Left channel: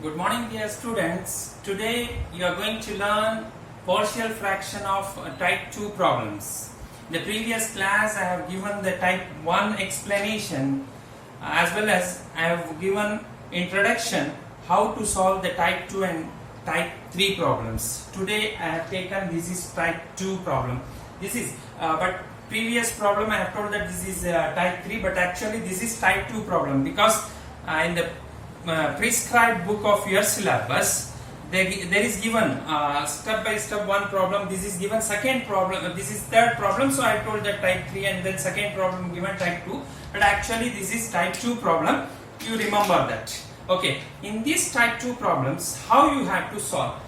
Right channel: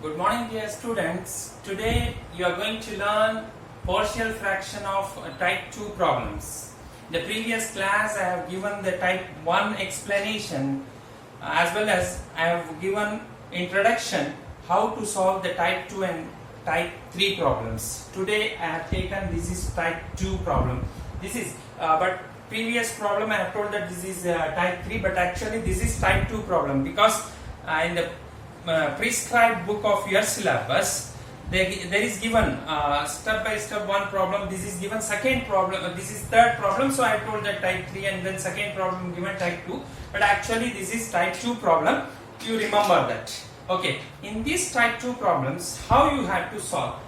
Good morning, dear students. Today you are going to learn partial fraction of type 2 problems. In the previous class I have given the type 1 explanation as well as I have given introduction how to solve the type 2 and type 3 problems. Today I have taken this is type 2 problem. This is but previous problem I have told that this is type 3, but actually this is type 2 problem because in the prescribed book of your syllabus there is given step by step one problem. This is given second problem, this is third problem, so I told that type 3 and then second problem given type 2, but actually this is type 2 problem. You remember that. Okay, in these type 2 problems how you have to solve,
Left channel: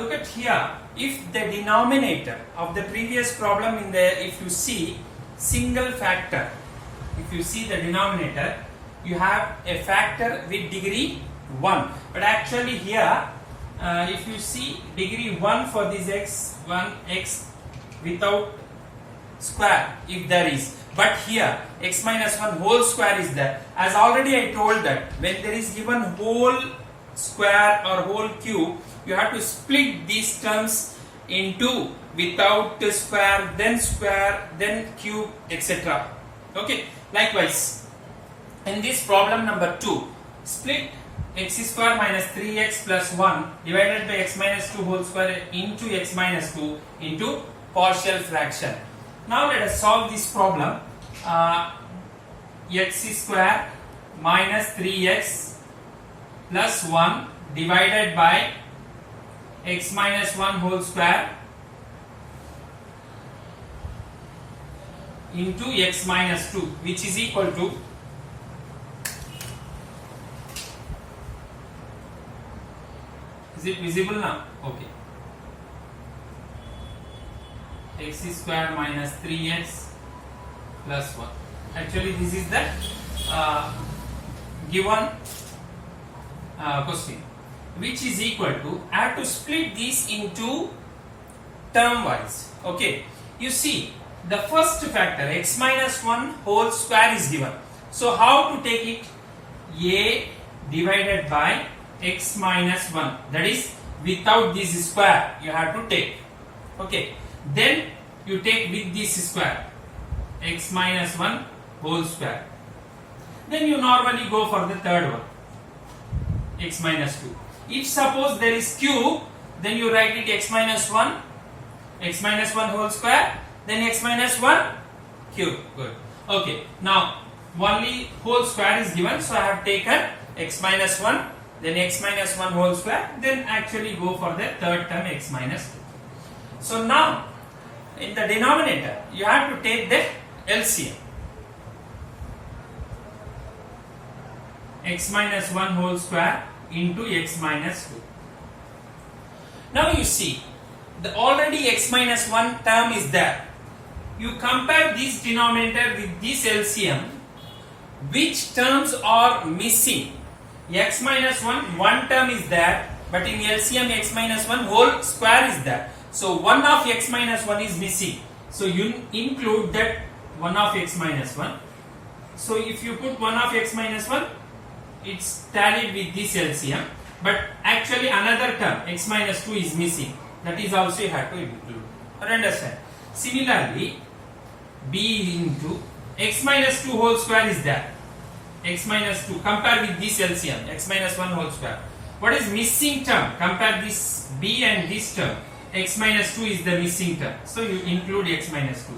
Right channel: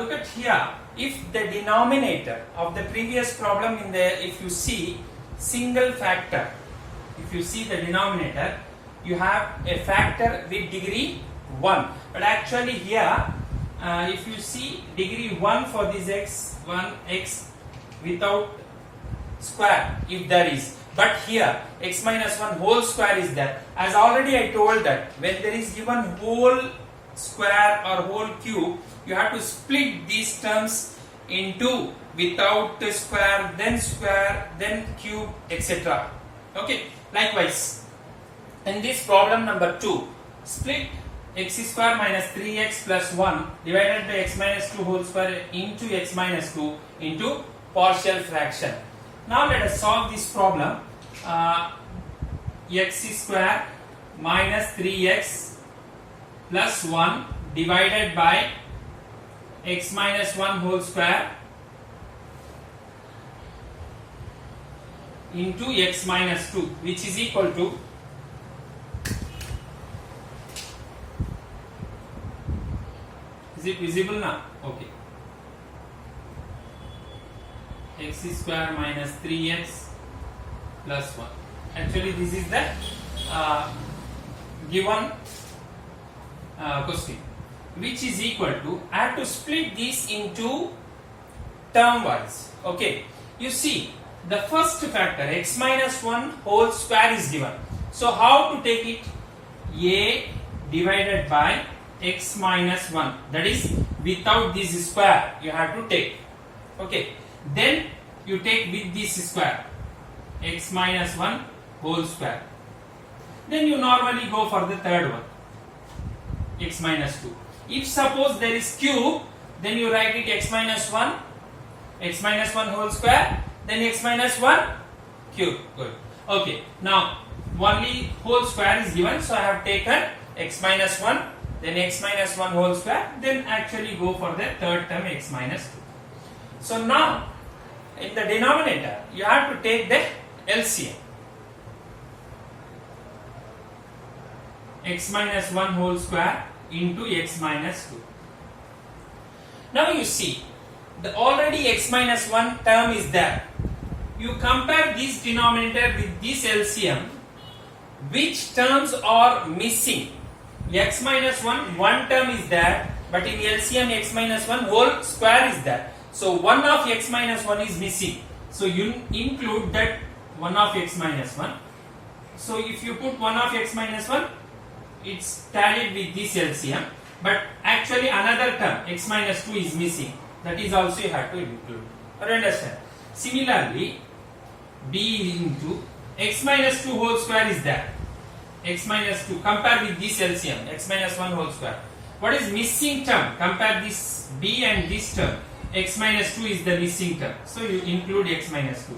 look at here. If the denominator of the previous problem if you see single factor, if you see the denominator you have a factor with degree 1, but actually here if you see degree 1 for this x without square if there is, but here x minus 1 whole square is there. As already I told that when there is given whole square or whole cube, you have to split these terms into without square then cube, etc. Okay, likewise in this problem number 2, split x square minus 3x plus 1 divided by x minus 2 whole square into x minus 2 into partial fraction. Now let us solve this problem. X square minus 3x plus 1 divided by x minus 1 whole square into x minus 2, which is equal to is it visible now? Okay. X square minus 3x plus 1. Actually this is the given question, which is equal to, I have to split this into term wise. Okay, you see the first factor x minus 1 whole square is given. So how to take it? A divided by x minus 1, that is without this square you have to take. Okay, then you take with this square x minus 1 whole square. Then you normally go for the third one, x minus 2. If suppose there is cube, then you write it x minus 1 whole square, then x minus 1 cube. Good. Okay, now only whole square is given, so I have taken x minus 1, then x minus 1 whole square, then actually go for the third term x minus 2. So now in the denominator you have to take the LCM. X minus 1 whole square into x minus 2. Now you see the already x minus 1 term is there. You compare this denominator with this LCM, which terms are missing? X minus 1 term is there, but in LCM x minus 1 whole square is there. So 1 of x minus 1 is missing. So you include that 1 of x minus 1. So if you put 1 of x minus 1, it's tallied with this LCM, but actually another term x minus 2 is missing. That is also you have to include. Or understand? Similarly, b into x minus 2 whole square is there. X minus 2, compare with this LCM, x minus 1 whole square. What is missing term? Compare this b and this term. X minus 2 is the missing term. So you include x minus 2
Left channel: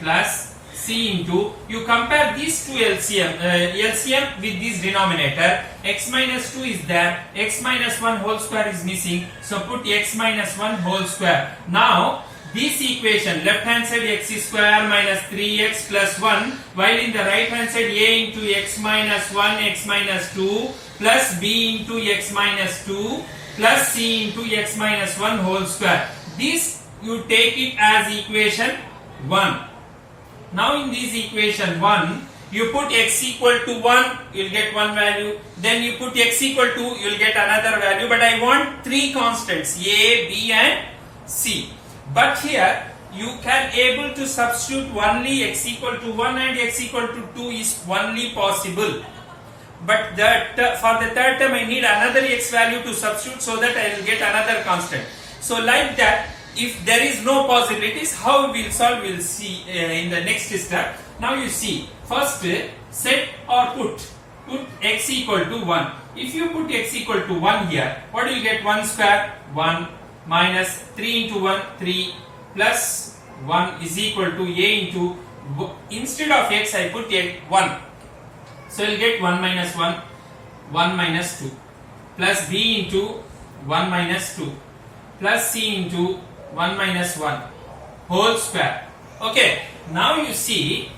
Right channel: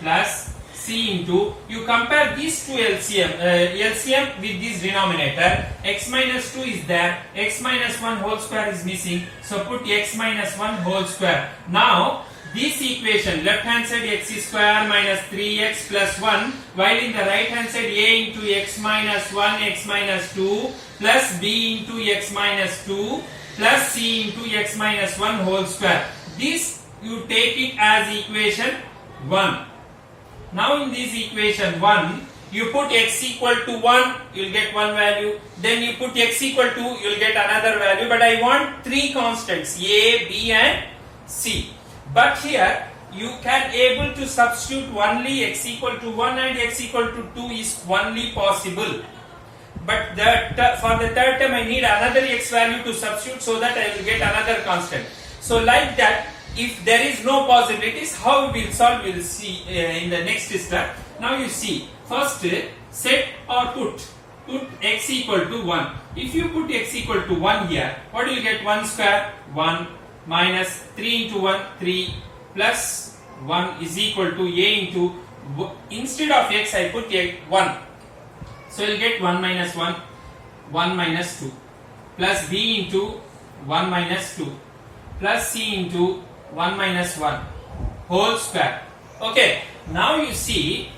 plus c into, you compare these two LCM with this denominator. X minus 2 is there, x minus 1 whole square is missing. So put x minus 1 whole square. Now this equation, left hand side x square minus 3x plus 1, while in the right hand side a into x minus 1 x minus 2 plus b into x minus 2 plus c into x minus 1 whole square. This you take it as equation 1. Now in this equation 1, you put x equal to 1, you will get one value. Then you put x equal to, you will get another value. But I want three constants, a, b and c. But here you can able to substitute only x equal to 1 and x equal to 2 is only possible. but for the third term I need another x value to substitute so that I will get another constant. So like that, if there is no possibilities, how we will solve, we will see in the next step. Now you see, first set or put x equal to 1. If you put x equal to 1 here, what do you get? 1 square 1 minus 3 into 1 3 plus 1 is equal to a into, instead of x I put 1. So you will get 1 minus 1 1 minus 2 plus b into 1 minus 2 plus c into 1 minus 1 whole square. Okay, now you see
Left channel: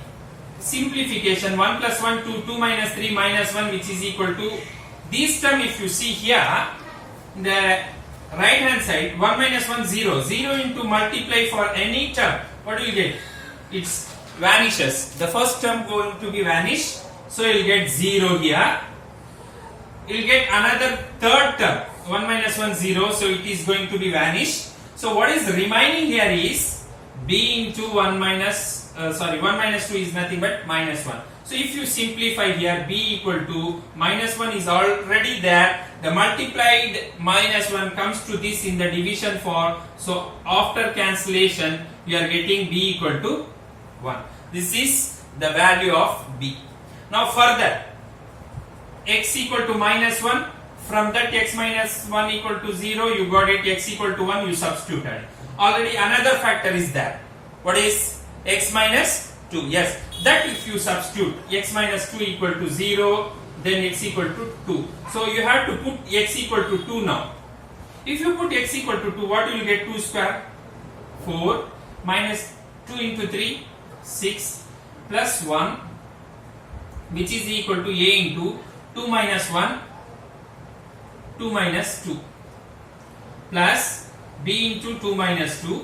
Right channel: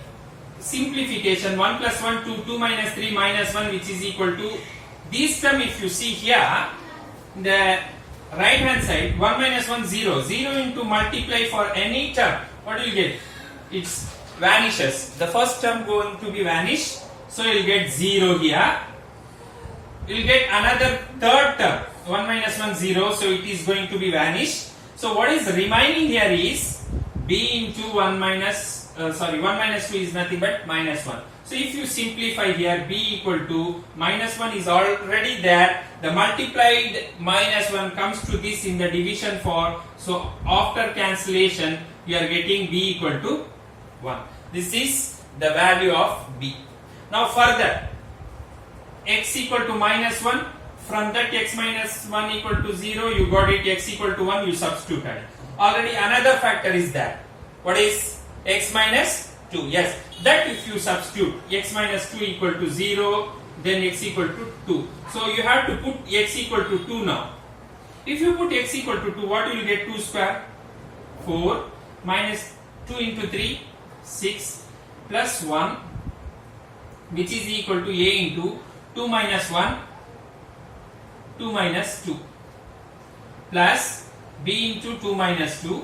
simplification, 1 plus 1 2, 2 minus 3 minus 1, which is equal to this term. If you see here, the right hand side, 1 minus 1 0, 0 into multiply for any term, what do you get? It vanishes. The first term going to be vanished, so you will get 0 here. You will get another third term, 1 minus 1 0, so it is going to be vanished. So what is remaining here is b into 1 minus 1 minus 2 is nothing but minus 1. So if you simplify here, b equal to minus 1 is already there. The multiplied minus 1 comes to this in the division form. So after cancellation, you are getting b equal to 1. This is the value of b. Now further, x equal to minus 1. From that x minus 1 equal to 0, you got it x equal to 1, you substituted. Already another factor is there. What is x minus 2? Yes, that if you substitute x minus 2 equal to 0, then x equal to 2. So you have to put x equal to 2 now. If you put x equal to 2, what will you get? 2 square 4 minus 2 into 3 6 plus 1, which is equal to a into 2 minus 1 2 minus 2 plus b into 2 minus 2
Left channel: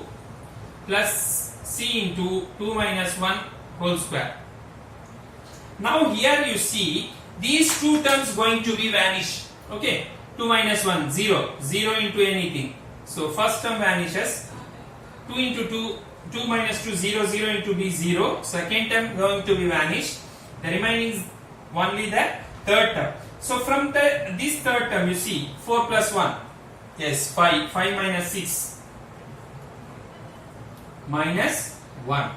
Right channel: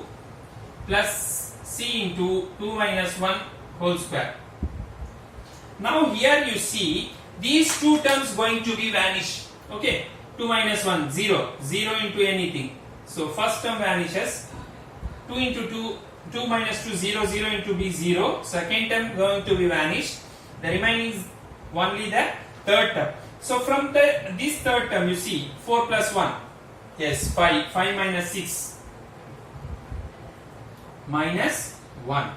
plus c into 2 minus 1 whole square. Now here you see these two terms going to be vanished. Okay, 2 minus 1 0, 0 into anything. So first term vanishes. 2 into 2, 2 minus 2 0, 0 into b 0. Second term going to be vanished. The remaining is only the third term. So from this third term you see 4 plus 1, yes 5, 5 minus 6 minus 1.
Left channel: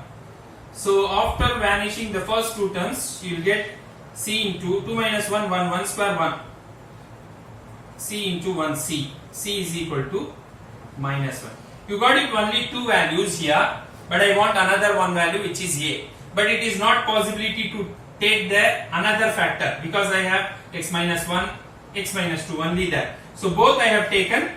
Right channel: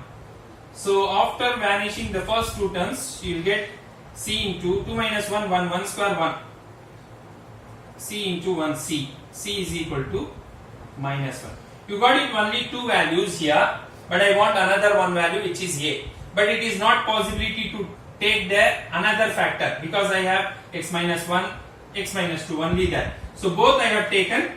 So after vanishing the first two terms, you will get c into 2 minus 1 1 1 square 1, c into 1 c, c is equal to minus 1. You got it only two values here, but I want another one value which is a, but it is not possibility to take the another factor because I have x minus 1, x minus 2 only that. So both I have taken.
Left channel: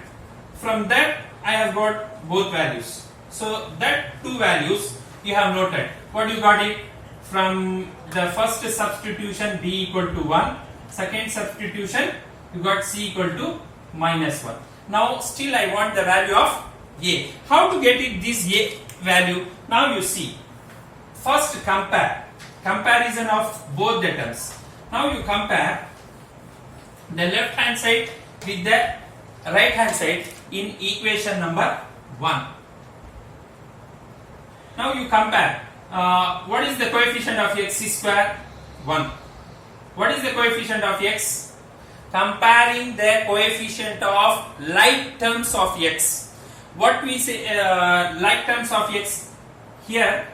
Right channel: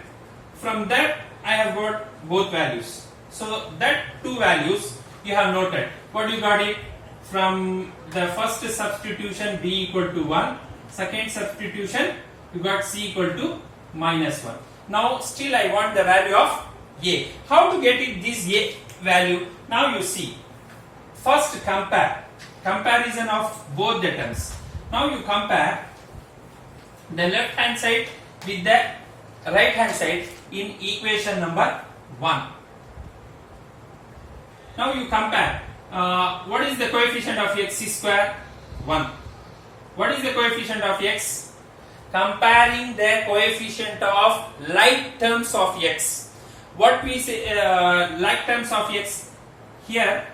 From that I have got both values. So that two values you have noted. What you got it? From the first substitution b equal to 1, second substitution you got c equal to minus 1. Now still I want the value of a. How to get it this a value? Now you see. First comparison of both the terms. Now you compare the left hand side with the right hand side in equation number 1. Now you compare. What is the coefficient of x square? 1. What is the coefficient of x? Comparing the coefficient of like terms of x. What we say like terms of x? Here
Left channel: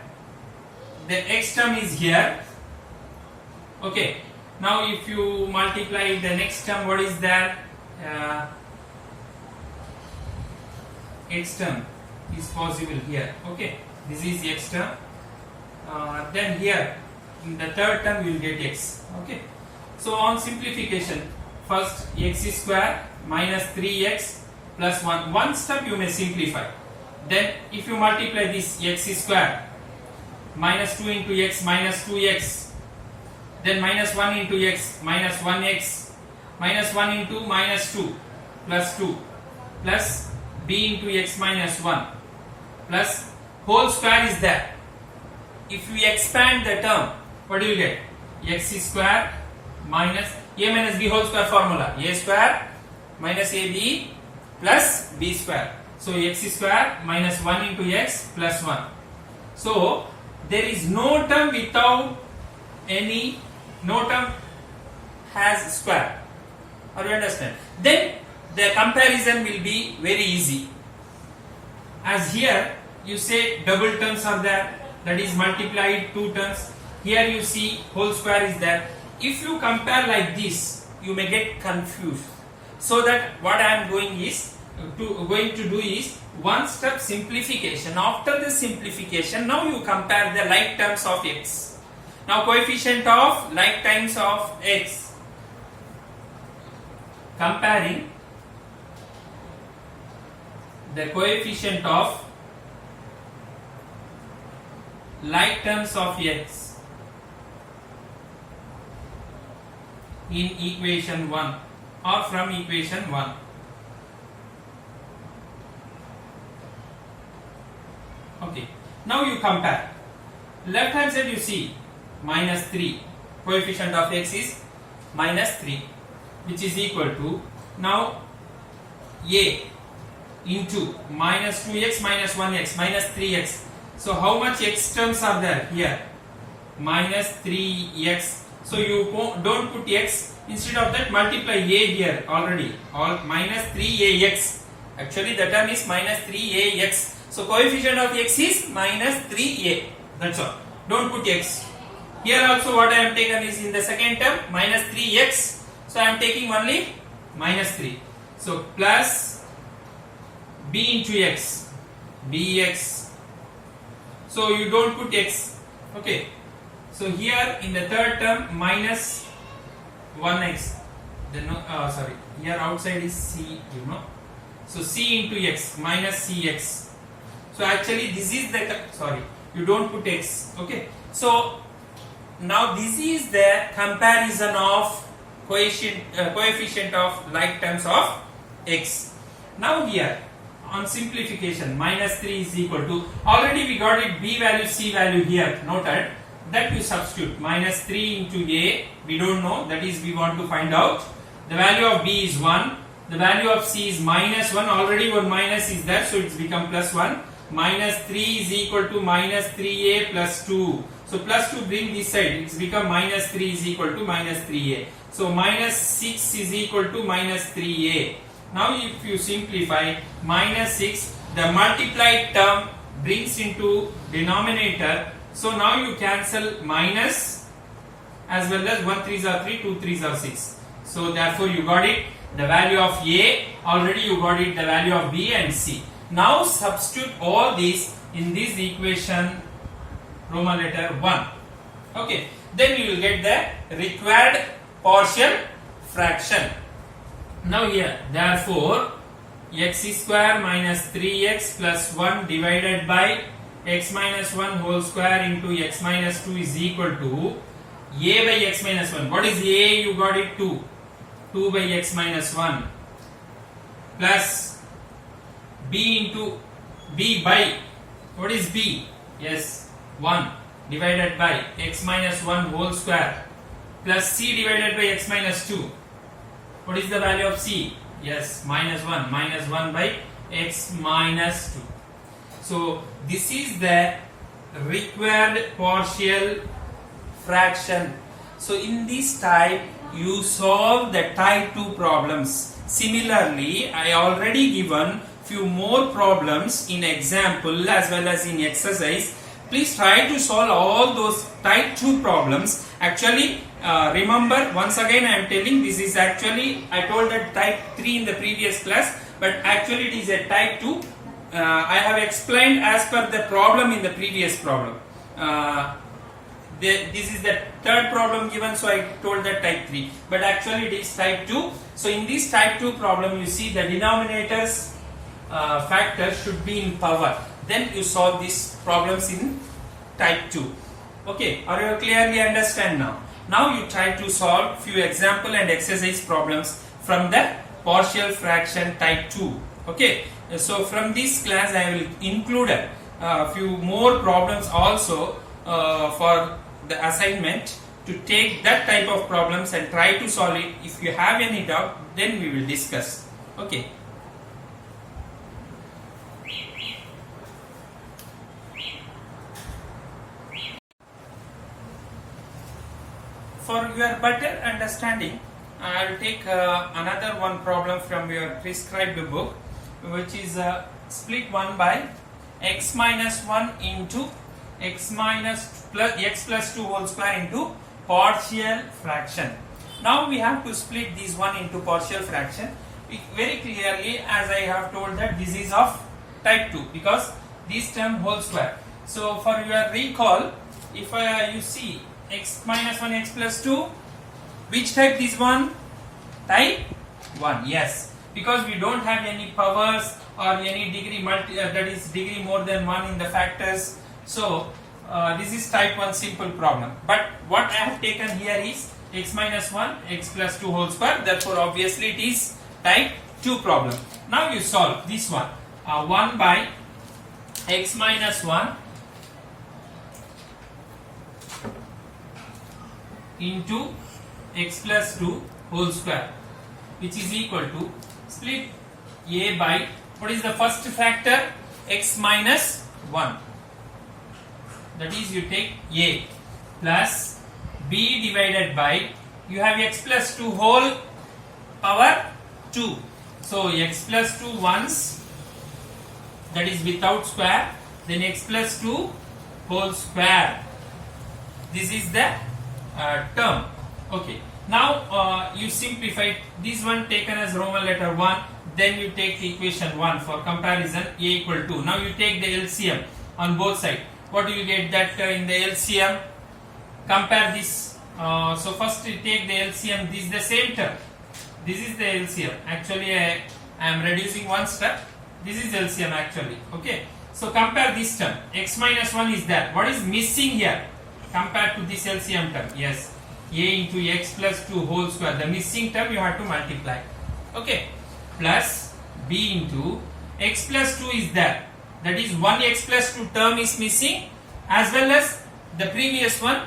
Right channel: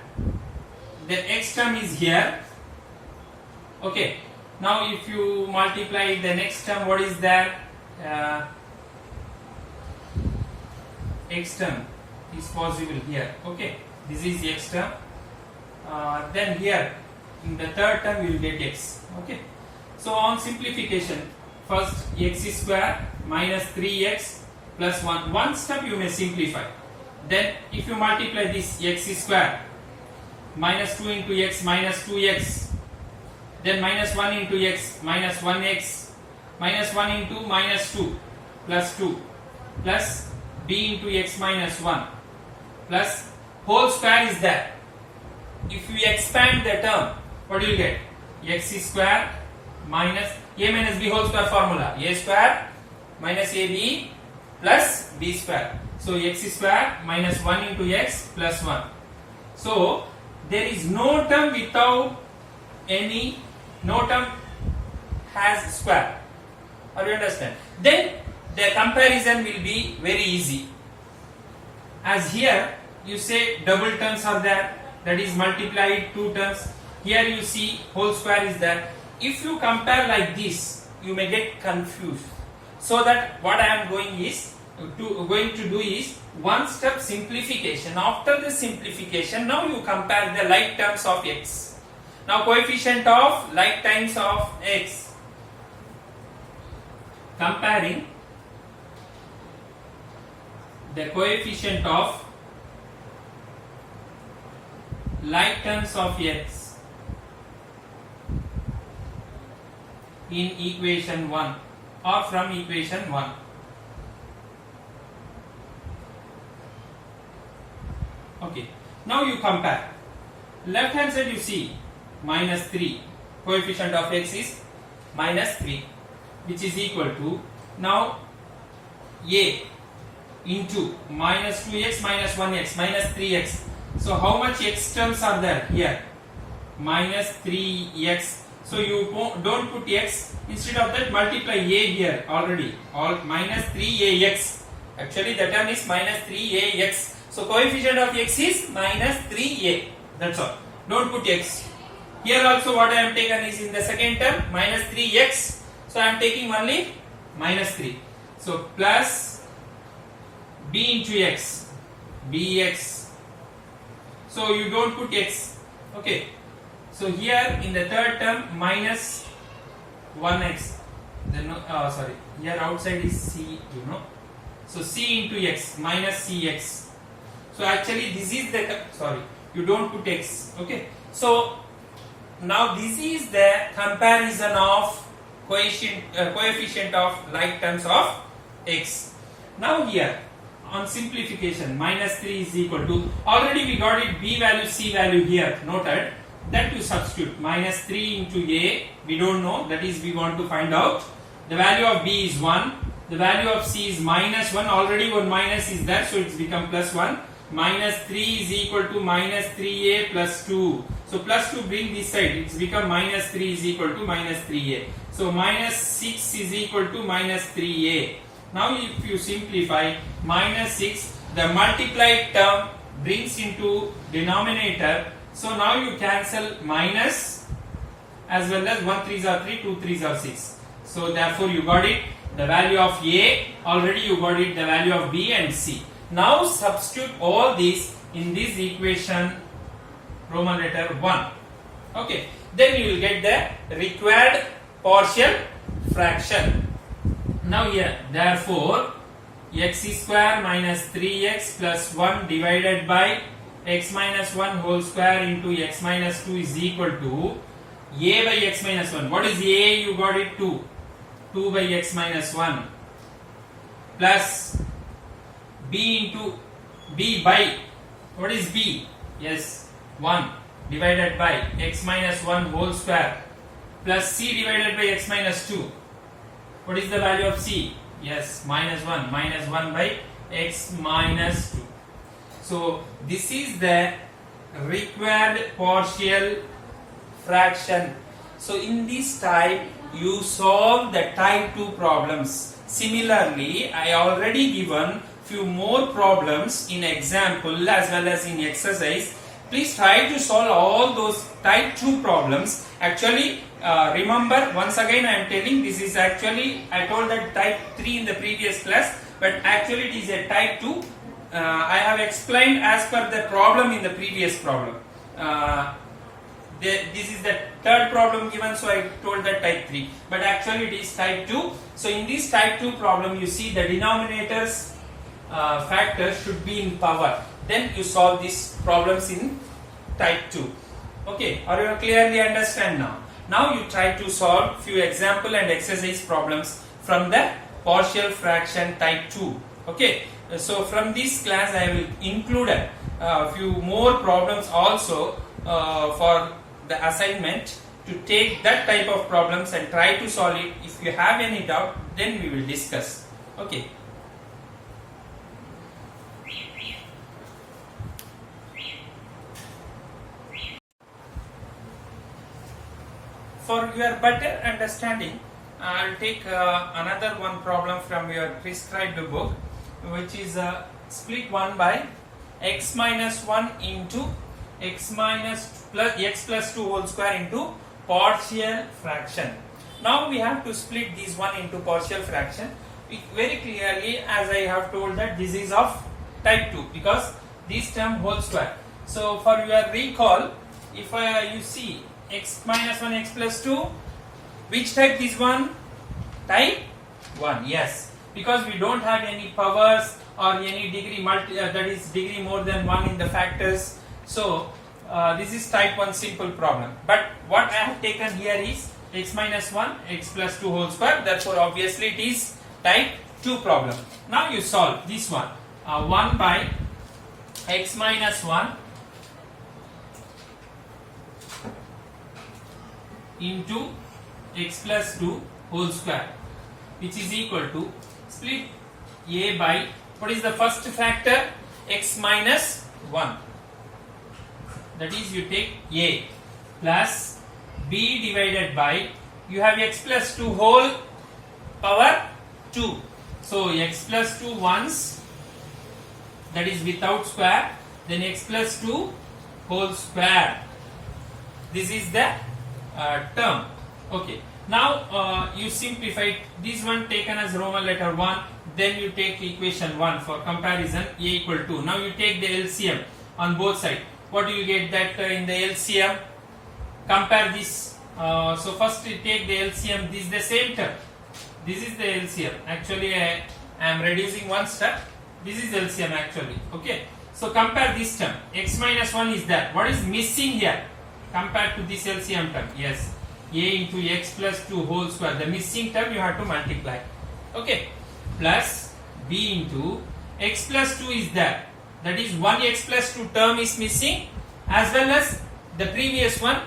the x term is here. Okay. Now if you multiply the next term, what is there? X term is possible here. Okay. This is x term. Then here in the third term we will get x. Okay. So on simplification, first x square minus 3x plus 1. One step you may simplify. Then if you multiply this x square minus 2 into x minus 2x, then minus 1 into x minus 1x minus 1 into minus 2 plus 2 plus b into x minus 1 plus whole square is there. If we expand the term, what do you get? X square minus a minus b whole square formula. A square minus ab plus b square. So x square minus 1 into x plus 1. So there is no term without any, no term has square. Or you understand? Then the comparison will be very easy. As here you say double terms are there, that is multiplied 2 terms. Here you see whole square is there. If you compare like this, you may get confused. So that what I am going to do is one step simplification. After the simplification, now you compare the like terms of x. Now coefficient of like times of x. Comparing the coefficient of like terms of x in equation 1 or from equation 1. Okay, now you compare. Left hand side you see minus 3, coefficient of x is minus 3, which is equal to now a into minus 2x minus 1x minus 3x. So how much x terms are there here? Minus 3x. So you don't put x, instead of that multiply a here already. All minus 3ax. Actually the term is minus 3ax. So coefficient of x is minus 3a. That's all. Don't put x. Here also what I am taken is in the second term minus 3x. So I am taking only minus 3. So plus b into x, bx. So you don't put x. Okay. So here in the third term minus 1x. Then sorry. Here outside is c. So c into x minus cx. So actually this is the you don't put x. Okay. So now this is the comparison of coefficient of like terms of x. Now here on simplification minus 3 is equal to, already we got it b value c value here noted, that we substitute minus 3 into a, we don't know, that is we want to find out. The value of b is 1, the value of c is minus 1, already one minus is there, so it's become plus 1. Minus 3 is equal to minus 3a plus 2. So plus 2 bring this side, it's become minus 3 is equal to minus 3a. So minus 6 is equal to minus 3a. Now if you simplify minus 6, the multiplied term brings into denominator. So now you cancel minus as well as 1 3s are 3, 2 3s are 6. So therefore you got it, the value of a, already you got it, the value of b and c. Now substitute all these in this equation Roman letter 1. Okay, then you will get the required partial fraction. Now here, therefore, x square minus 3x plus 1 divided by x minus 1 whole square into x minus 2 is equal to a by x minus 1. What is a? You got it 2. 2 by x minus 1 plus b into b by, what is b? Yes, 1 divided by x minus 1 whole square plus c divided by x minus 2. What is the value of c? Yes, minus 1 by x minus 2. So this is the required partial fraction. So in this type you solve the type 2 problems. Similarly, I already given few more problems in example as well as in exercise. Please try to solve all those type 2 problems. Actually, remember once again I am telling, this is actually, I told that type 3 in the previous class, but actually it is a type 2. I have explained as per the problem in the previous problem. This is the third problem given, so I told that type 3, but actually it is type 2. So in this type 2 problem you see the denominators factors should be in power. Then you solve these problems in type 2. Okay, or you clearly understand now. Now you try to solve few example and exercise problems from the partial fraction type 2. Okay, so from this class I will include a few more problems also for the assignment, to take that type of problems and try to solve it. If you have any doubt, then we will discuss. Okay. for your better understanding, I'll take another one problem from your prescribed book, which is split 1 by x minus 1 into x minus plus x plus 2 whole square into partial fraction. Now we have to split this one into partial fraction. Very clearly, as I have told, that this is of type 2 because this term whole square. So for your recall, if you see x minus 1 x plus 2, which type this one? Type 1. Yes, because we don't have any powers or any degree that is degree more than 1 in the factors. So this is type 1 simple problem. But what I have taken here is x minus 1 x plus 2 whole square. Therefore obviously it is type 2 problem. Now you solve this one. 1 by x minus 1 into x plus 2 whole square, which is equal to split a by, what is the first factor? X minus 1. That is, you take a plus b divided by, you have x plus 2 whole power 2. So x plus 2 once, that is without square, then x plus 2 whole square. This is the term. Okay. Now you simplify this one taken as Roman letter 1, then you take equation 1 for comparison, a equal to. Now you take the LCM on both sides. What do you get that in the LCM? Compare this. So first you take the LCM. This is the same term. This is the LCM. Actually I am reducing one step. This is LCM actually. Okay. So compare this term. X minus 1 is there. What is missing here? Compared to this LCM term. Yes. A into x plus 2 whole square. The missing term you have to multiply. Okay. Plus b into x plus 2 is there. That is 1 x plus 2 term is missing, as well as the previous one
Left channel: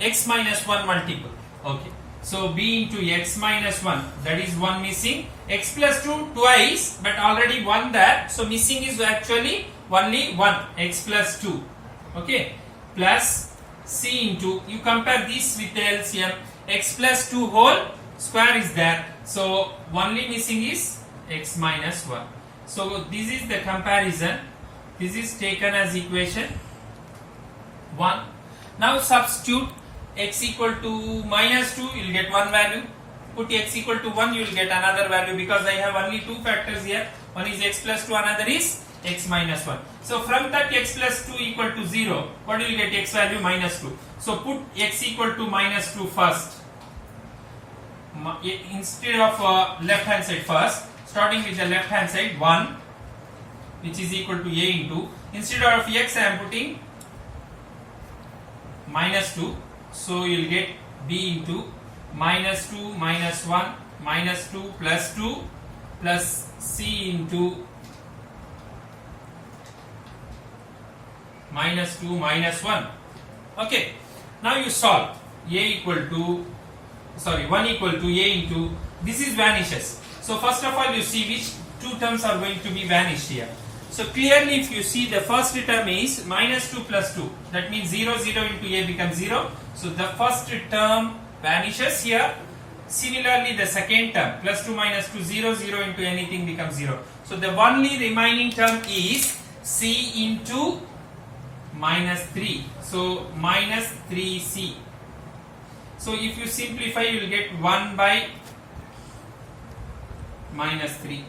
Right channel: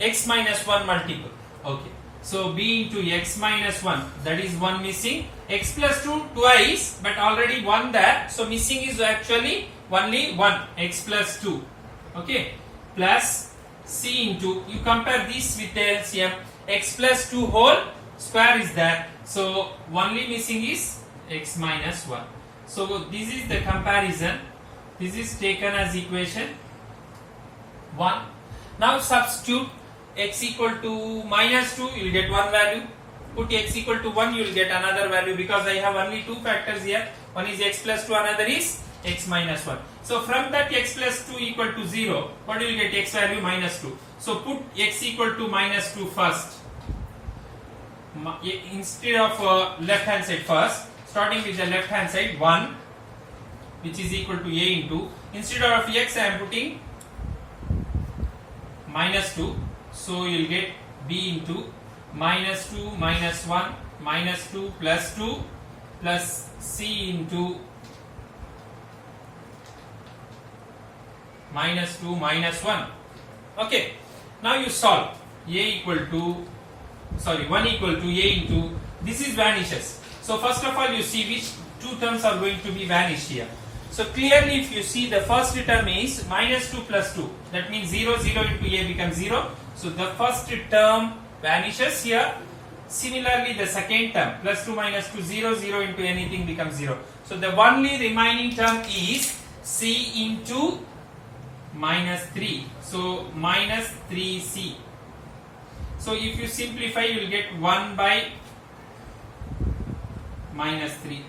x minus 1 multiple. Okay. So b into x minus 1, that is 1 missing. X plus 2 twice, but already 1 there. So missing is actually only 1 x plus 2. Okay. Plus c into, you compare this with the LCM, x plus 2 whole square is there. So only missing is x minus 1. So this is the comparison. This is taken as equation 1. Now substitute x equal to minus 2, you will get one value. Put x equal to 1, you will get another value, because I have only two factors here. One is x plus 2, another is x minus 1. So from that x plus 2 equal to 0, what do you get? X value minus 2. So put x equal to minus 2 first. Instead of left hand side first, starting with the left hand side, 1, which is equal to a into, instead of x I am putting minus 2. So you will get b into minus 2 minus 1 minus 2 plus 2 plus c into minus 2 minus 1. Okay. Now you solve. A equal to, sorry, 1 equal to a into, this is vanishes. So first of all you see which two terms are going to be vanished here. So clearly if you see, the first term is minus 2 plus 2. That means 0, 0 into a becomes 0. So the first term vanishes here. Similarly the second term, plus 2 minus 2, 0, 0 into anything becomes 0. So the only remaining term is c into minus 3. So minus 3c. So if you simplify, you will get 1 by minus 3.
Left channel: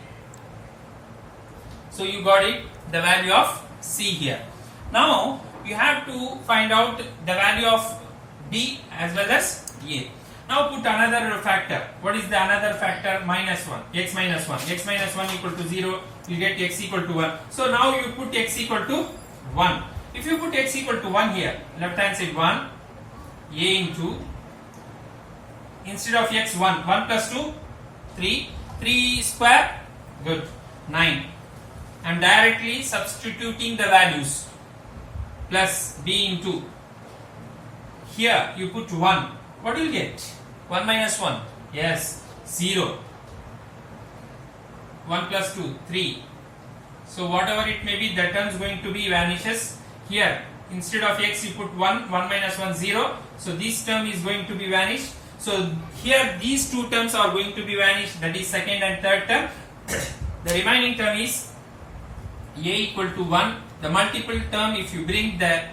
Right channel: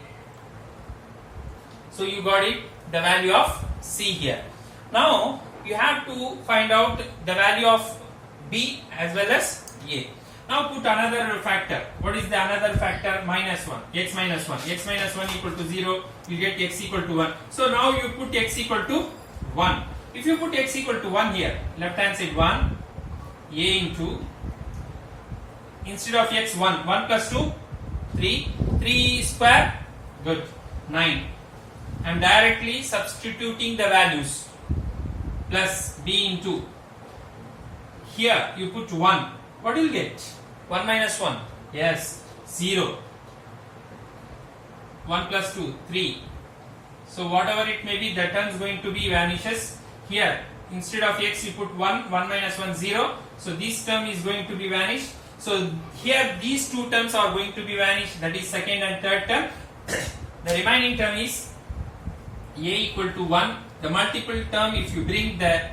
So you got it, the value of c here. Now you have to find out the value of b as well as a. Now put another factor. What is the another factor? Minus 1. X minus 1. X minus 1 equal to 0. You get x equal to 1. So now you put x equal to 1. If you put x equal to 1 here, left hand side 1, a into, instead of x 1, 1 plus 2, 3, 3 square, good, 9. I am directly substituting the values, plus b into, here you put 1, what do you get? 1 minus 1, yes, 0. 1 plus 2, 3. So whatever it may be, the term is going to be vanishes. Here instead of x you put 1, 1 minus 1, 0. So this term is going to be vanished. So here these two terms are going to be vanished, that is second and third term. The remaining term is a equal to 1. The multiple term, if you bring the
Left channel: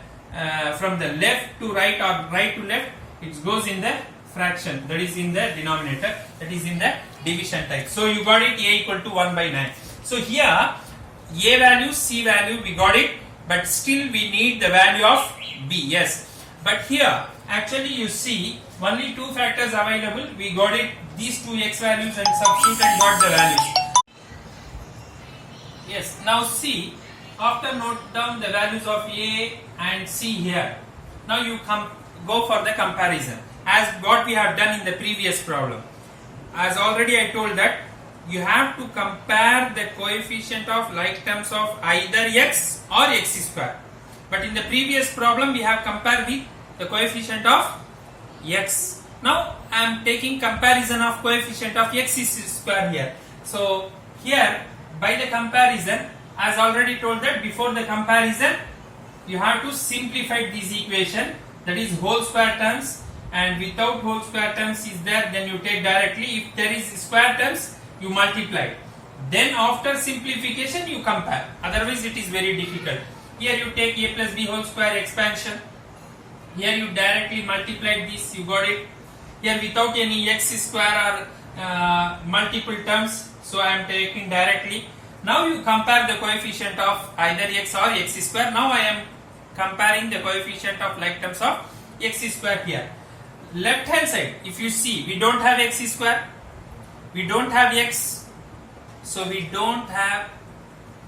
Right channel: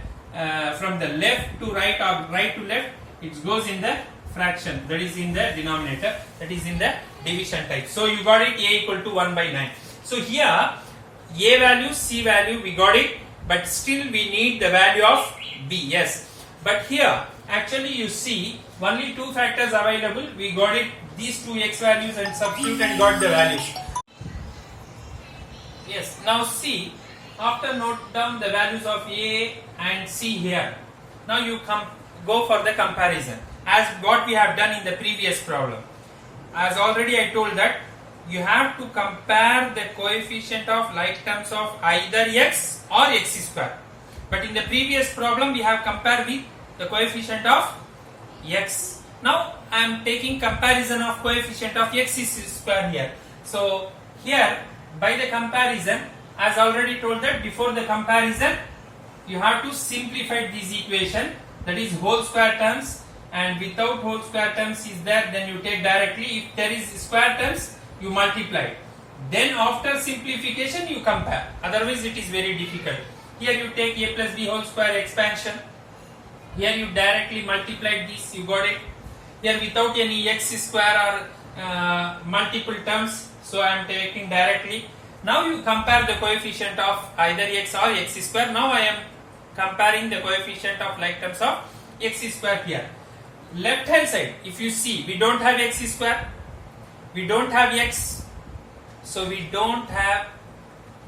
from the left to right or right to left, it goes in the fraction, that is in the denominator, that is in the division type. So you got it, a equal to 1 by 9. So here a value, c value we got it, but still we need the value of b. Yes, but here actually you see only two factors available. We got it, these two x values, and substitute and got the values. Yes, now see, after note down the values of a and c here, now you go for the comparison as what we have done in the previous problem. As already I told that you have to compare the coefficient of like terms of either x or x square. But in the previous problem we have compared with the coefficient of x. Now I am taking comparison of coefficient of x square here. So here by the comparison, as already told that before the comparison you have to simplify this equation, that is whole square terms, and without whole square terms is there, then you take directly. If there is square terms, you multiply. Then after simplification you compare, otherwise it is very difficult. Here you take a plus b whole square expansion, here you directly multiply this, you got it. Here without any x square or multiple terms, so I am taking directly. Now you compare the coefficient of either x or x square. Now I am comparing the coefficient of like terms of x square here. Left hand side, if you see, we don't have x square, we don't have x, so we don't have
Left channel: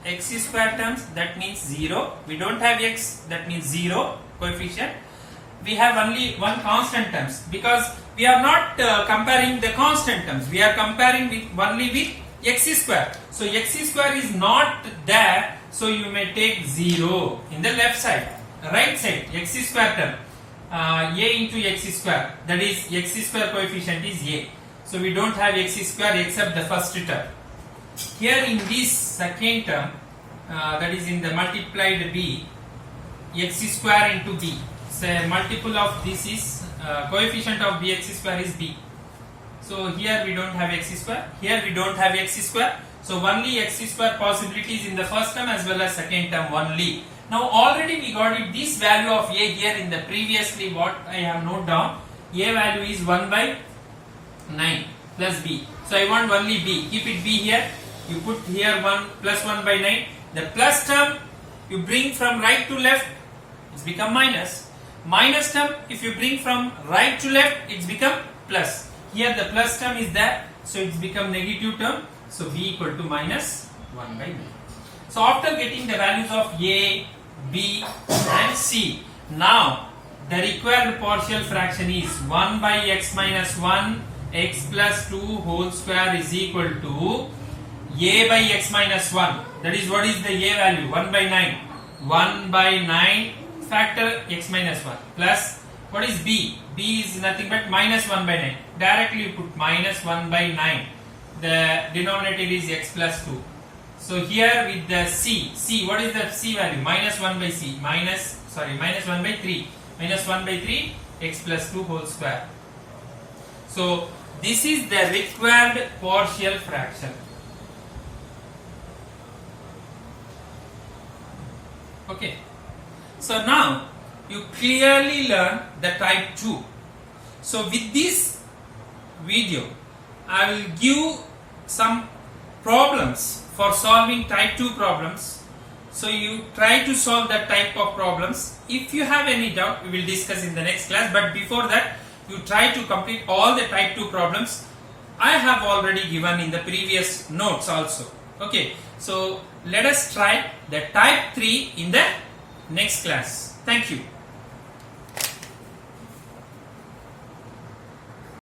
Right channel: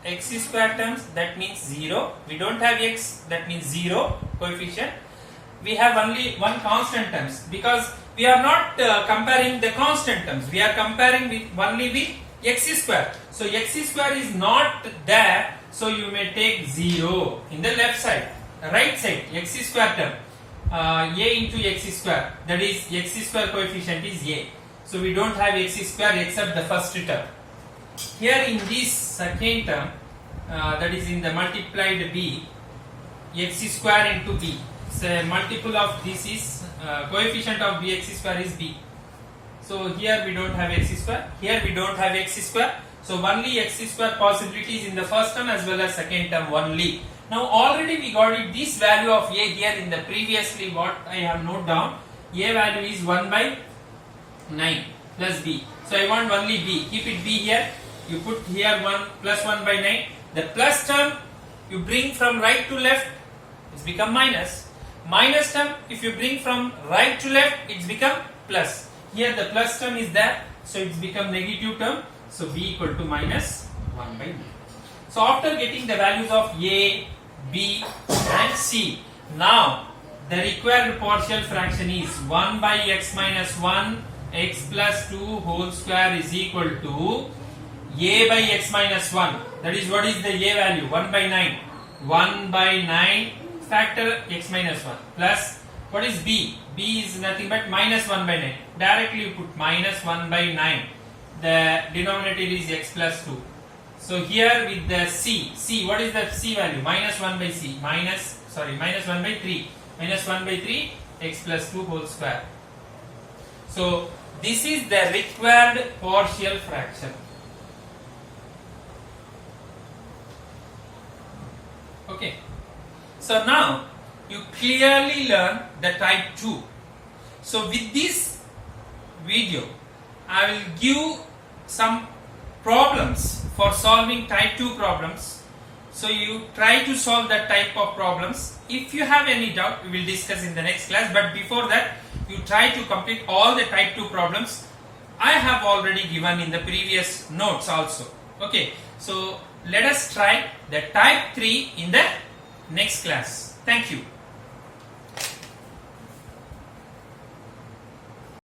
x square terms, that means 0. We don't have x, that means 0 coefficient. We have only one constant terms, because we are not comparing the constant terms, we are comparing with only with x square. So x square is not there, so you may take 0 in the left side. Right side, x square term, a into x square, that is x square coefficient is a. So we don't have x square except the first term. Here in this second term, that is in the multiplied b, x square into b. So multiple of this is coefficient of bx square is b. So here we don't have x square, here we don't have x square. So only x square possibilities in the first term as well as second term only. Now already we got it, this value of a here in the previously what I have noted down, a value is 1 by 9 plus b. So I want only b, keep it b here, you put here 1 plus 1 by 9. The plus term you bring from right to left, it's become minus. Minus term if you bring from right to left, it's become plus. Here the plus term is there, so it's become negative term. So b equal to minus 1 by 9. So after getting the values of a, b and c, now the required partial fraction is 1 by x minus 1 x plus 2 whole square is equal to a by x minus 1. That is, what is the a value? 1 by 9. 1 by 9 factor x minus 1 plus, what is b? b is nothing but minus 1 by 9. Directly you put minus 1 by 9. The denominator is x plus 2. So here with the c, what is the c value? Minus 1 by c, minus 1 by 3. Minus 1 by 3 x plus 2 whole square. So this is the required partial fraction. Okay. So now you clearly learn the type 2. So with this video I will give some problems for solving type 2 problems. So you try to solve that type of problems. If you have any doubt, we will discuss in the next class. But before that, you try to complete all the type 2 problems. I have already given in the previous notes also. Okay. So let us try the type 3 in the next class. Thank you.